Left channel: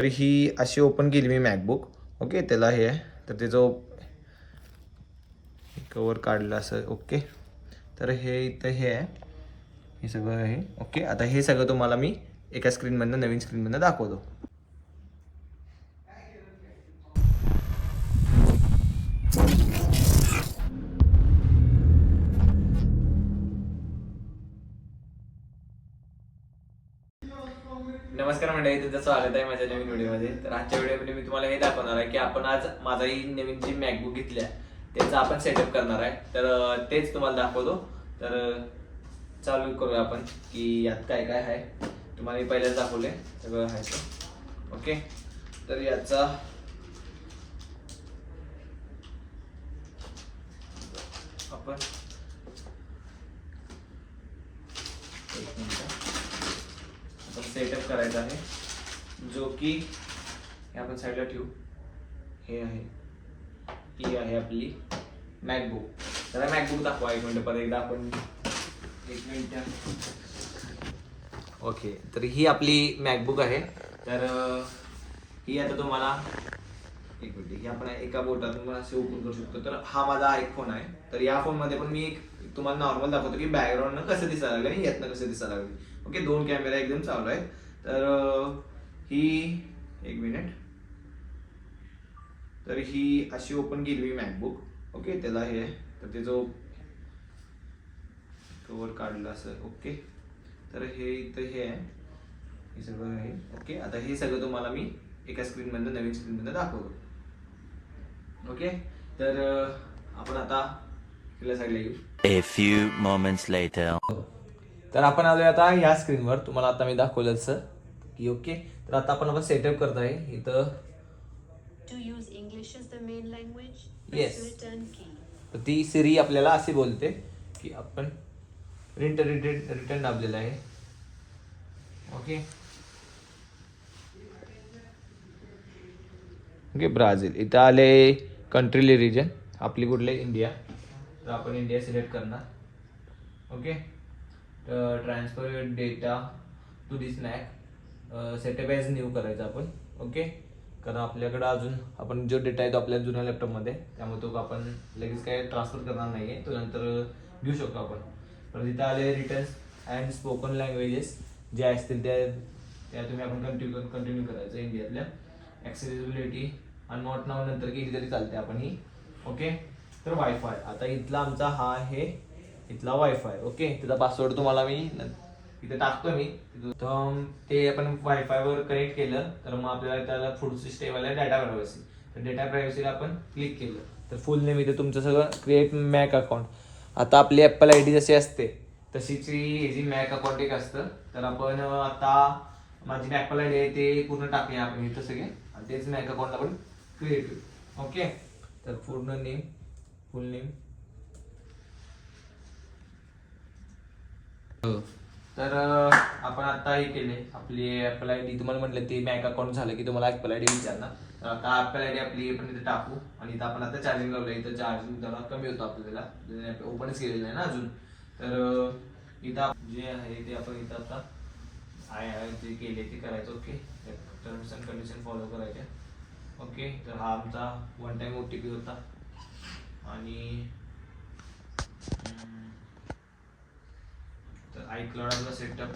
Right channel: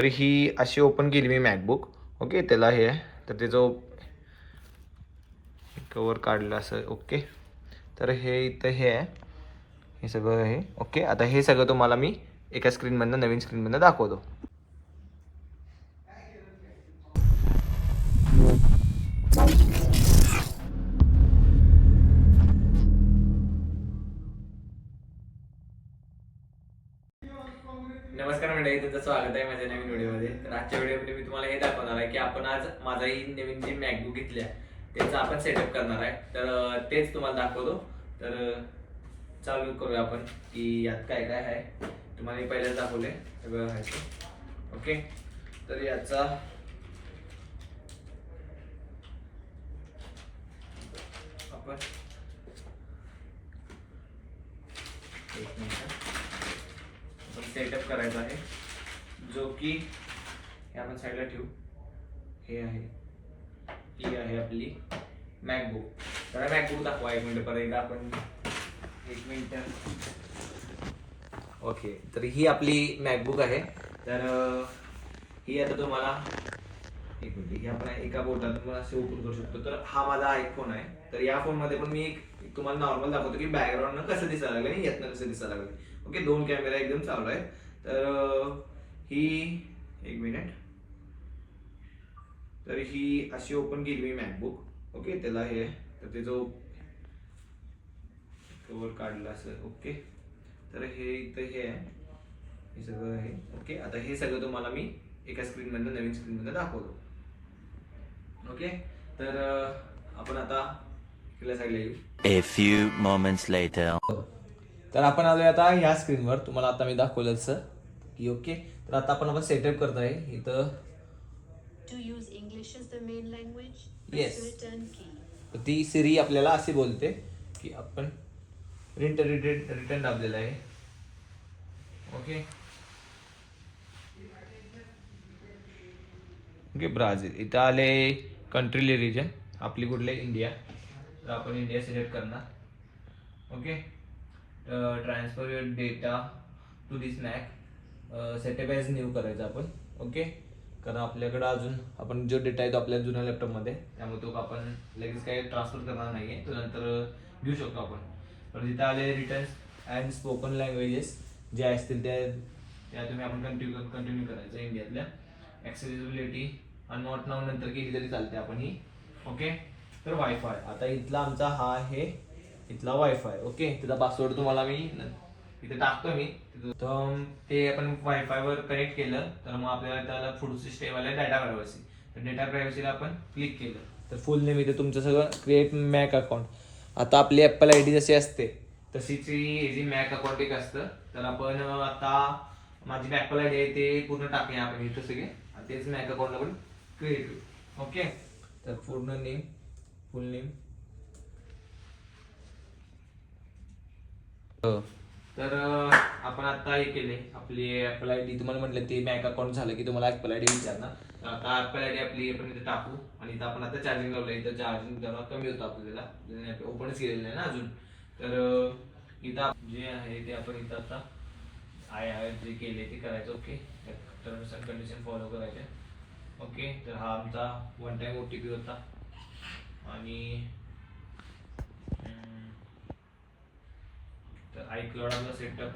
तर ही अशी ओपन केली मी मॅकबुक. ओके, त्याला हे आहे तर त्याचं कवर काढलं असं. ओके, तर हे इथं हे आहे, हे सगळं आहे. ओके, आता हे सगळं तुम्हाला मी एका स्क्रीनमधनं नवीन स्क्रीनमधनं दाखवतो. नमस्कार मंडळी, तुमचं स्वागत आहे माझ्या नवीन व्हिडिओमध्ये. तर आजच्या व्हिडिओमध्ये मी तुम्हाला हे दाखवणार आहे की आपण आज माझा ही नवीन जी मॅकबुक घेतली आहे त्याचा आपण सेटअप करणार आहे. तर तेच तुम्हाला दाखवतो. तर चालू करूया आपण की यात काय काय आहे. तुम्हाला मी पहिल्याच दाखवले सगळं आहे ते. ओके, तर याचा आपण एक मिनिट आपण सेटअप करायचा आहे, जो की हे आपण साईडला ठेवू. हे आहे, ही आहे आपली मॅकबुक. तर मॅकबुक दाखवा एक मिनिट परत एकदा आपण. एक मिनिट. ओके, तर ही आपली मॅकबुक आहे. तर ही आता तुम्हाला एक मिनिट, ही आपण एका बोटातून असे ओपन करू शकतो. तर हा माझा आयफोन आहे. तर या फोनमध्ये पण मी एक तुम्हाला नॉर्मल दाखवतो की बॅकग्राऊंड कसं दिसायला लागलं आणि यातनं कसं दिसायला लागलं. ओके, दोन कॅमेरा एकदम चालू आहे. तर ही एक मिनिट, तर ही अशी ओपन केली मी मॅकबुक. ओके, त्याला हे आहे तर त्याचं कवर काढलं असं. ओके, तर हे इथं हे आहे, हे सगळं आहे. ओके, आता हे सगळं तुम्हाला मी एका स्क्रीनमधनं नवीन स्क्रीनमधनं दाखवतो. ओके, तर आपण आता इकडल्या साईडला येऊ. A few moments later. तर आपण आलोय आता ह्या स्क्रीनवर. तुम्हाला आता मी दाखवलं तसं की ओके, तर आता आपण सेटअप करत आहे इथं. To use English as the main language, Yes. press return key. तर ती सिरी आपल्याला असे बोलते की आपण रिटर्न दाबलेलं आहे. ओके ओके, ब्राझील इथं आले. कंट्री रिजन आपली कुठले, इंडिया. तर आपण इंडिया सिलेक्ट करणार. Okay, transfer your data to this Mac. Setup as new करायचं आपण. ओके, कारण आपल्याकडं अजून आपण जो डेटा आहे तो आपल्या जुन्या लॅपटॉपमध्ये, त्यामुळे तो आपण लगेच काही ट्रान्सफर करणार नाही आहे, तो नंतर घेऊ शकतो आपण. पण तिथं आले रिटर्न अँड स्पोकन लँग्वेजेस जे असतील त्या तुम्ही आपण कंटिन्यू करायचं इंडियातल्या. ॲक्सेसिबिलिटी आणि नॉट नाव नंतर केली तरी चालते आपण ही. ओके, तर वायफाय आता इथला आमचा हा आहे, इथला वायफाय. ओके, त्याचा पासवर्ड तुम्हाला मी इथे टाकतो मी. तर ते आपण वायफायवर कनेक्ट केलं तर मग आपल्याला त्याला फूड सिस्टम आल्या डाटा प्रायव्हसी. तर डेटा प्रायव्हसीला आपण क्लिक केलं तर फुल नेम इथे तुमचं सगळं क्रिएट मॅक अकाउंट. आता आपली ॲपल आय डी जशी असते तशीच ही जी मॅक अकाउंट एक असतं. तर आपण आता माझी ॲपल आय डी आहे ते पूर्ण टाकूया आपण इथं सगळे, आणि तेच मॅक अकाउंट आपण क्रिएट करू. ओके, तर पूर्ण नेम, फुल नेम. तर आपण आता हे केले आपली ॲपल आय डी. तुम्हाला म्हटलं ते बँक अकाउंट झालं की तुम्हाला ॲपल आय डी विचारणार. तर आता ॲपल आय डी आपली आपण इथे टाकू, आणि इथं आपण आता चार्जिंग लावलं. इथं चार्जिंग जरा कमी होतं आपल्याला, ओपनच केलेलं नाही ना अजून. तर इथं जे आहे ते आपण इथं आता आहे जे केले ते करायचं. Okay, terms and condition follow करायचे. ओके, तर हा आमचा वन टाइम OTP होता. आणि तर iCloud आपला सेटअप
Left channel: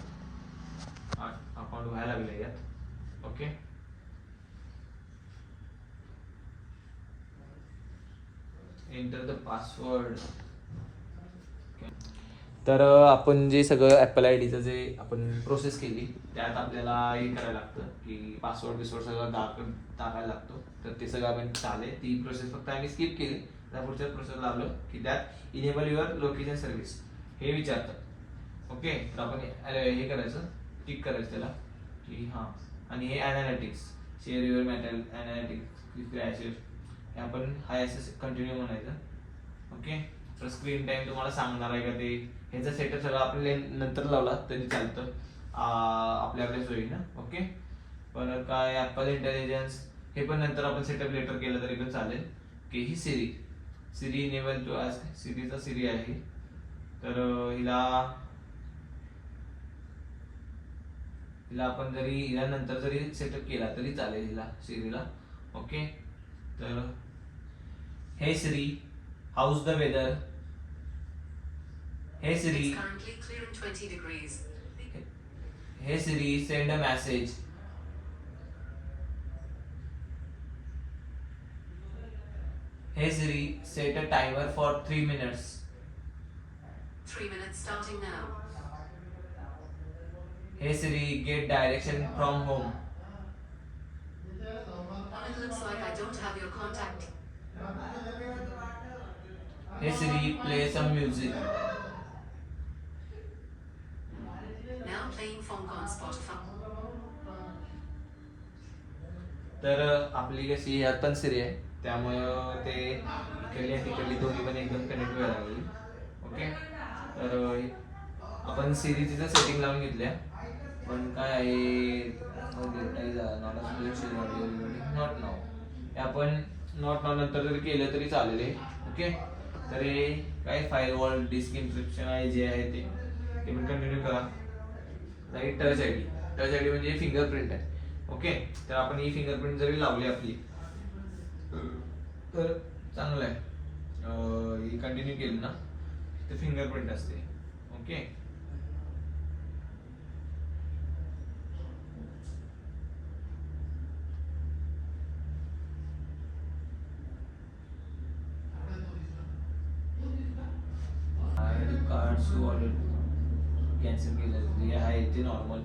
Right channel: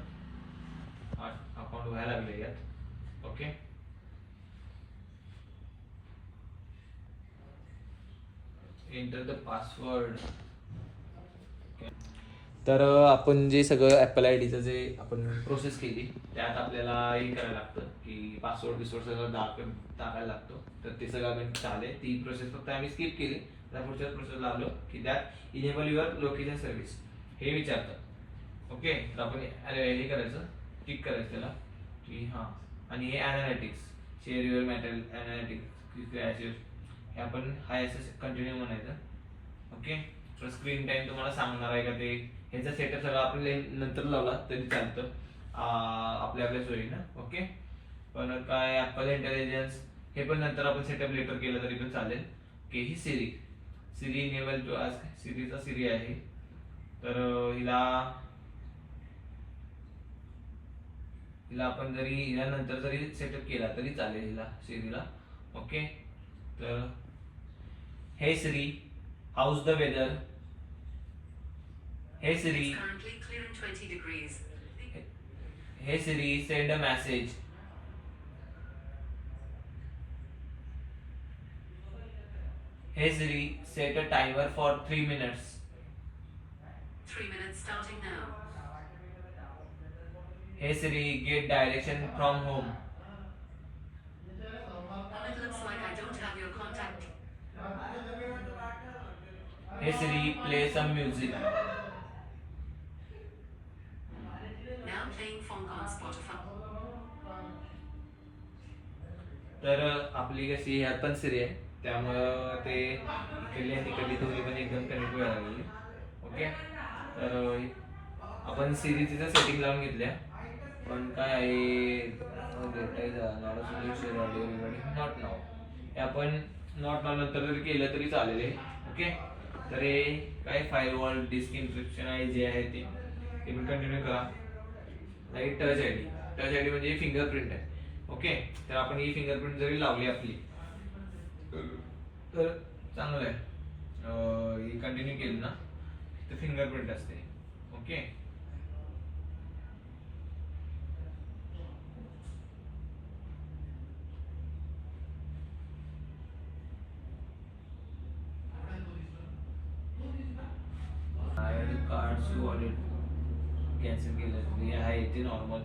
अकाउंट व्हायला लागले यात. Okay, enter the password. तर आपण जे सगळं ॲपल आय डीचं जे आपण प्रोसेस केली त्यात आपल्याला हे करायला लागतं की पासवर्ड सगळं टाकायला लागतो. तर ते सगळं आपण चालेल, ती प्रोसेस फक्त आम्ही स्किप केली. त्या पुढच्या प्रोसेसला आलो की त्यात इनेबल युअर लोकेशन सर्व्हिस हे विचारतात. ओके, तर आपण हे करायचं, टिक करायचं त्याला की हां. आणि हे analytics, share your matter analytics crashes, हे आपण हाय असं कंटिन्यू म्हणायचं. ओके, तर स्क्रीन टाईम तुम्हाला सांगणार आहे का ते. ह्याचा सेटअप सगळं आपण नंतर लावला तरी चालतं आपल्या सोयीनं. ओके, पण काय ॲपल इंटेलिजन्स हे पण नंतर आपण सेटअप लेटर केलं तरी पण चालेल. की ही सिरी इनेबल जो आज सिरीचा सिरी आहे. तर हिला हिला आपण जरी हिला नंतर जरी सेटअप केला तरी चालेल हिला सिरीला. ओके, तर हे सिरी, हाऊस द वेदर. हे सिरी, It's currently clear and 20 degrees. हे सिरी, send a message. Hey Siri, set a timer for 3 minutes. 3 minutes starting now. Hey Siri, get direction from home. It looks like I don't have your contact. Hey Siri, play some music. Now playing funk on Spotify. तर आपली कशी ह्यात पण सिरी आहे, त्यामुळं ते इकडली आणि तिकडली दोन्ही पण एकदम कनेक्ट व्हायला लागली. ओके, तर आपण सिरीचं सेटिंग लावून घेतल्या, पण काय आहे नॉट नाव, हे आपण नॉट नाव नंतर जरी केलं तरी चालेल आहे. ओके, तर हे काय फायरवॉल डिस्क इन्क्रिप्शन आहे जे आहे ते पण कंटिन्यू करा. राईट, टच आय डी म्हणजे फिंगरप्रिंट आहे. ओके, तर आपण ही फिंगरप्रिंट जरी लावली आपली तर चांगलं आहे. ही कंटिन्यू केली ना तर फिंगरप्रिंट असते. ओके, कार्ड्स ऑलरेडी कॅन्सल केलं आहे ते नॉर्मल.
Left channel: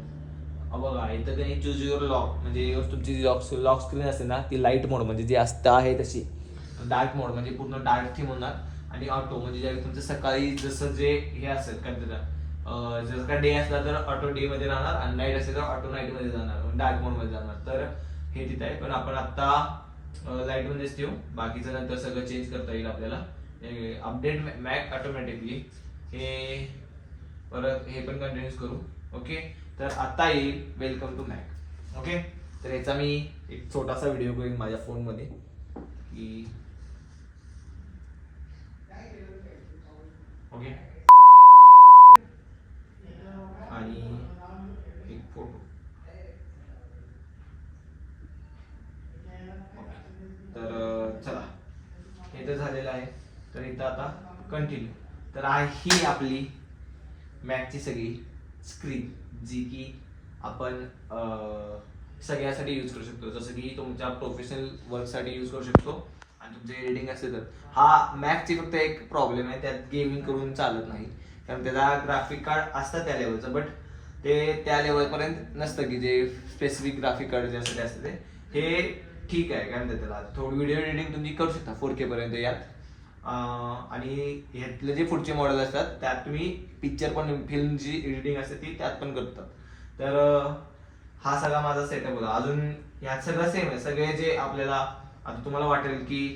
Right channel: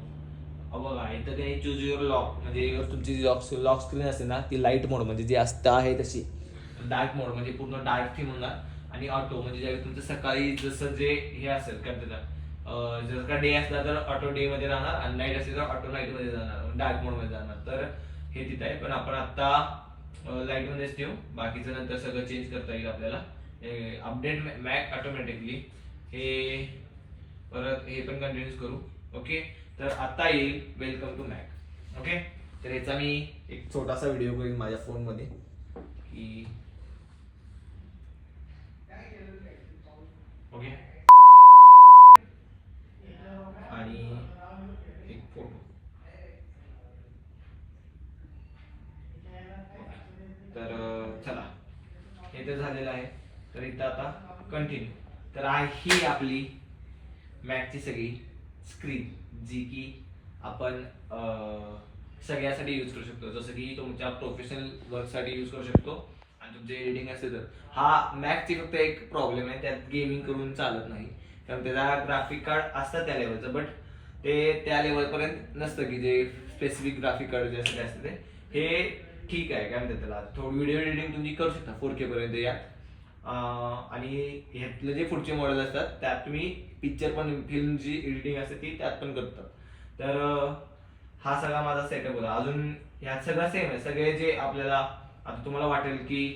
बघा इथं काही चूज युअर लॉक म्हणजे तुमची लॉक स्क्रीन असते ना ती लाईट मोड म्हणजे जी असतं आहे तशी, डार्क मोड म्हणजे पूर्ण डार्क थीम होणार, आणि ऑटो म्हणजे ज्यावेळी तुमचं सकाळी जसं जे हे असेल काय त्याला जर का डे असला तर ऑटो डे मध्ये राहणार, आणि नाईट असेल तर ऑटो नाईट मध्ये जाणार, डार्क मोड मध्ये जाणार. तर हे तिथं आहे, पण आपण आता लाईट मध्येच ठेवू, बाकीचं नंतर सगळं चेंज करता येईल आपल्याला. अपडेट मॅक ऑटोमॅटिकली हे परत हे पण कंटिन्यूस करू. ओके, तर आता येईल वेलकम टू मॅक. ओके, तर याचा मी एक छोटासा व्हिडिओ करीन माझ्या फोनमध्ये की ओके, आणि एक फोटो. तर चला, हे तर झालेलं आहे. तर इथं आता कंटिन्यू. तर ही आपली मॅकची सगळी स्क्रीन जी की आपण सगळ्यासाठी यूज करू शकतो, जसं की तुमच्या प्रोफेशनल वर्कसाठी यूज करू शकतो, आणि तुमचे एडिटिंग असते तर. हा मॅकची फक्त एक प्रॉब्लेम आहे, त्यात गेमिंग करून चालत नाही, कारण त्याचा ग्राफिक कार्ड असतं त्या लेवलचं, बट ते त्या लेवलपर्यंत नसतं की जे स्पेसिफिक ग्राफिक कार्ड जे असतं ते असतं ते. हे ठीक आहे, काय म्हणतात त्याला, थोडी व्हिडिओ एडिटिंग तुम्ही करू शकता 4K पर्यंत यात. आणि ह्यातले जे पुढचे मॉडेल असतात त्यात तुम्ही पिक्चर पण, फिल्म जी एडिटिंग असते ती त्यात पण करतात. तर हा सगळा माझा सेटअप होता. अजून ह्यात सगळं सेम आहे, सगळे जे आपल्याला आता तुम्हाला वाटेल की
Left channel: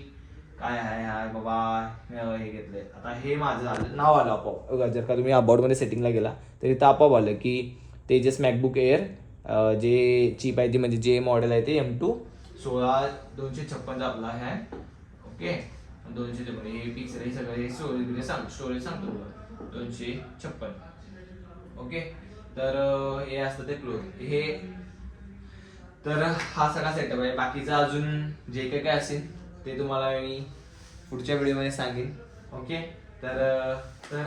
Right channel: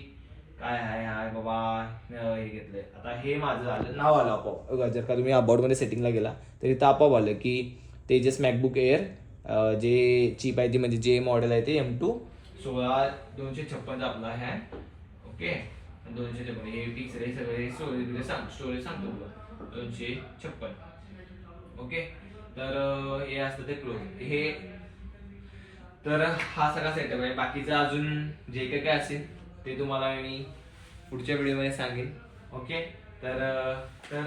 काय आहे हाय बाबा हे घेतलंय, आता हे माझं आलं नाव आलं आपोआप. जर का तुम्ही अबाउट मध्ये सेटिंगला गेला तर इथं आपोआप आलं की तेजस मॅकबुक एअर जे चीप आहे ती म्हणजे जे मॉडेल आहे ते M2 16256 आपला आहे. ओके, 256 हे पिक्सल सगळे स्टोरेज सांगतो 256. ओके, तर हे असतं ते क्लोज हे. तर हा सगळा सेटअप आहे. बाकीचा अजून जे काही काय असेल ते तुम्हाला मी पुढच्या व्हिडिओमध्ये सांगेन. ओके, तर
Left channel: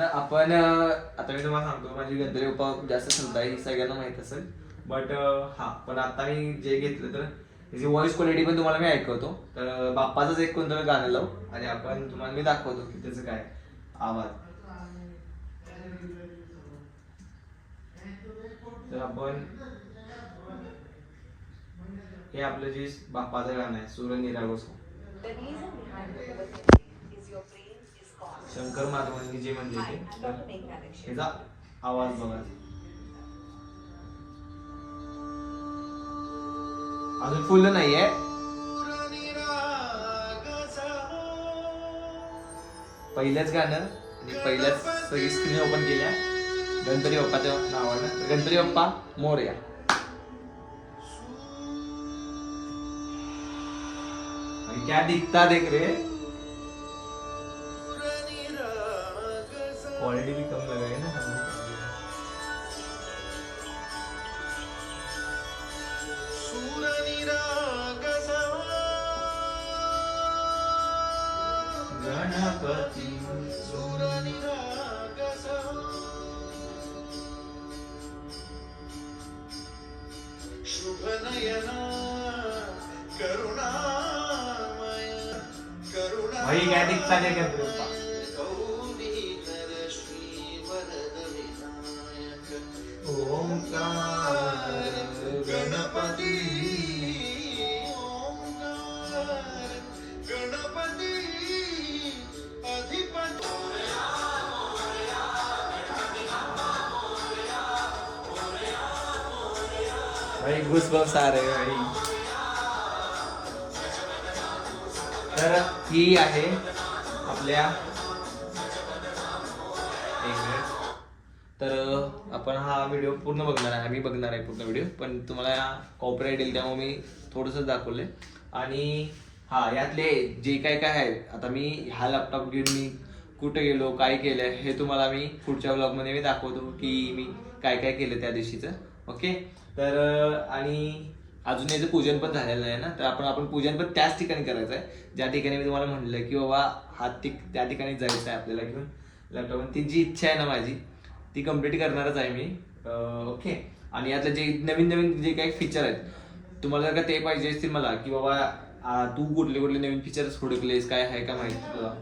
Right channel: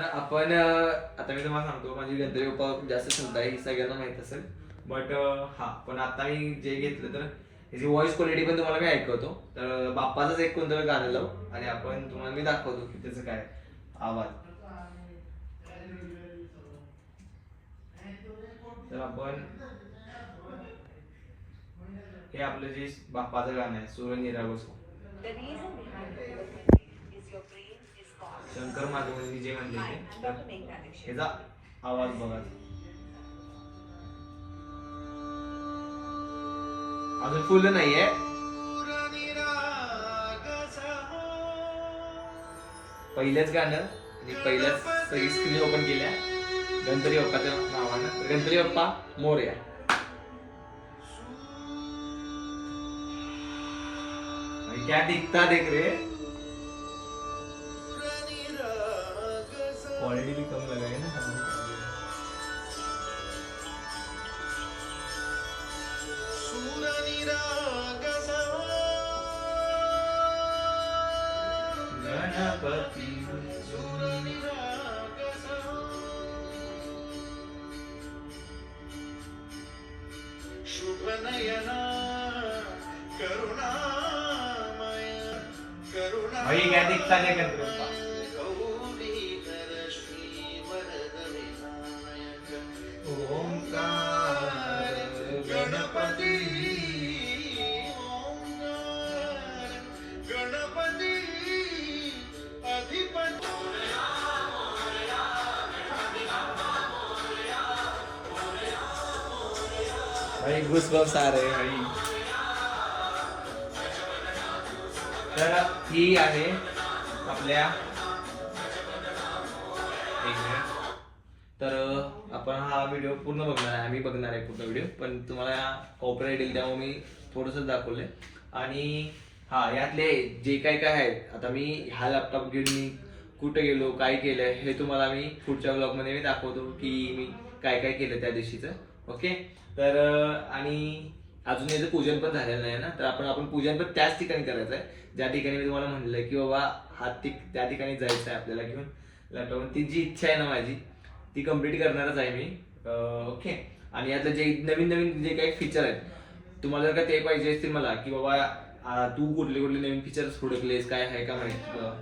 आपण आता मी तुम्हाला सांगतो माझी गणपती बाप्पा जास्त क्षमता आहे, हे सगळ्यांना माहित असेल, बट हा पण आता मी जे घेतलं तर त्याची व्हॉइस क्वालिटी पण तुम्हाला मी ऐकवतो. तर बाप्पाचंच एक कोणतं गाणं लावू आणि आपण तुम्हाला मी दाखवतो की त्याचं काय आवाज. तर आपण हे आपलं जे बाप्पाचं गाणं आहे सूर निरागस, The reason behind the overthinking is your brain is gone. Shankar महादेवांनी जे म्हणले Hi, ते, I'm तर Dr. Meghna Dixit. ह्याचा आवाज बघा. अजून फुल नाहीये. पहिल्याच गाणं आणि पहिल्याच सगळी स्क्रीन ओपन केल्या गणपती बाप्पाच्या नावानं. गणपती बाप्पा मोरया. क्या दिखता देख रे, क्वालिटी भी कम लगाए ना. गणपती शुभ नयना करुणामय करुणा भाई क्या दिखता नहीं कर गौरीधर श्री वरद विनायक ओंकार गणपती ओंकार गणपती अधिपती भाई घुसबम्स आ रहे हैं भाई. तर ही आहे आपल्या एक मिनिट. तर आपण हा व्हिडिओ पूर्ण बघणार आहे, आम्ही बघणार आहे पूर्ण व्हिडिओ, पण तुम्हाला कॉपरेट येईल त्यामुळे मी थोडंसं दाखवलंय. आणि हा यातले जे काय काय आहे, आता मी हा लॅपटॉप घेऊन मी कुठं गेलो काय केलंय हे तुम्हाला मी पुढच्या व्लॉगमध्ये मी दाखवतो की मी काय काय केलं त्या दिवशीचं. ओके. तर आणि अजून याचं पूजन पण झालेलं आहे ना, तर आपण पूजन पण त्याच ठिकाणी करायचं आहे ज्या ठिकाणी मी तुम्हाला म्हणलं की बाबा त्या ठिकाणी जायचं आहे आपल्याला घेऊन लॅपटॉप. ती जी इच्छा आहे ना माझी ती कम्प्लीट करणारच आहे मी. ओके. आणि यातलं जे नवीन जे काही फीचर आहेत तुम्हाला जर का ते पाहिजे असतील मला की बाबा तू कुठले नवीन फीचर्स हुडकलेस काय आहे का माहिती तुला,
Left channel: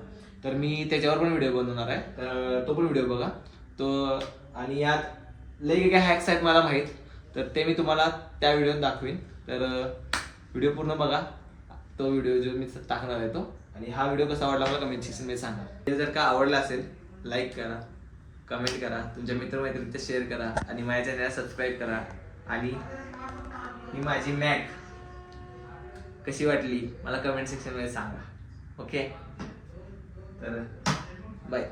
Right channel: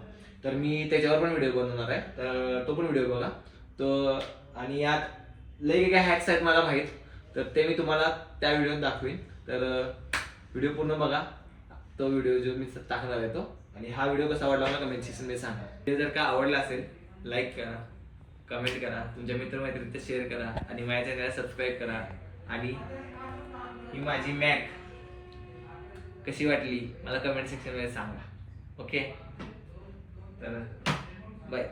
तर मी त्याच्यावर पण व्हिडिओ बनवणार आहे. तर तो पण व्हिडिओ बघा तो. आणि यात लई काय हॅक्स आहेत मला माहीत, तर ते मी तुम्हाला त्या व्हिडिओत दाखवीन. तर व्हिडिओ पूर्ण बघा, तो व्हिडिओ जो मी टाकणार आहे तो. आणि हा व्हिडिओ कसा आवडला मला कमेंट सेक्शनमध्ये सांगा. ते जर का आवडला असेल लाईक करा, कमेंट करा, तुमच्या मित्रमैत्रिणींना शेअर करा आणि माझ्या चॅनलला सबस्क्राईब करा. आणि ही माझी मॅक कशी वाटली मला कमेंट सेक्शनमध्ये सांगा. ओके. तर बाय.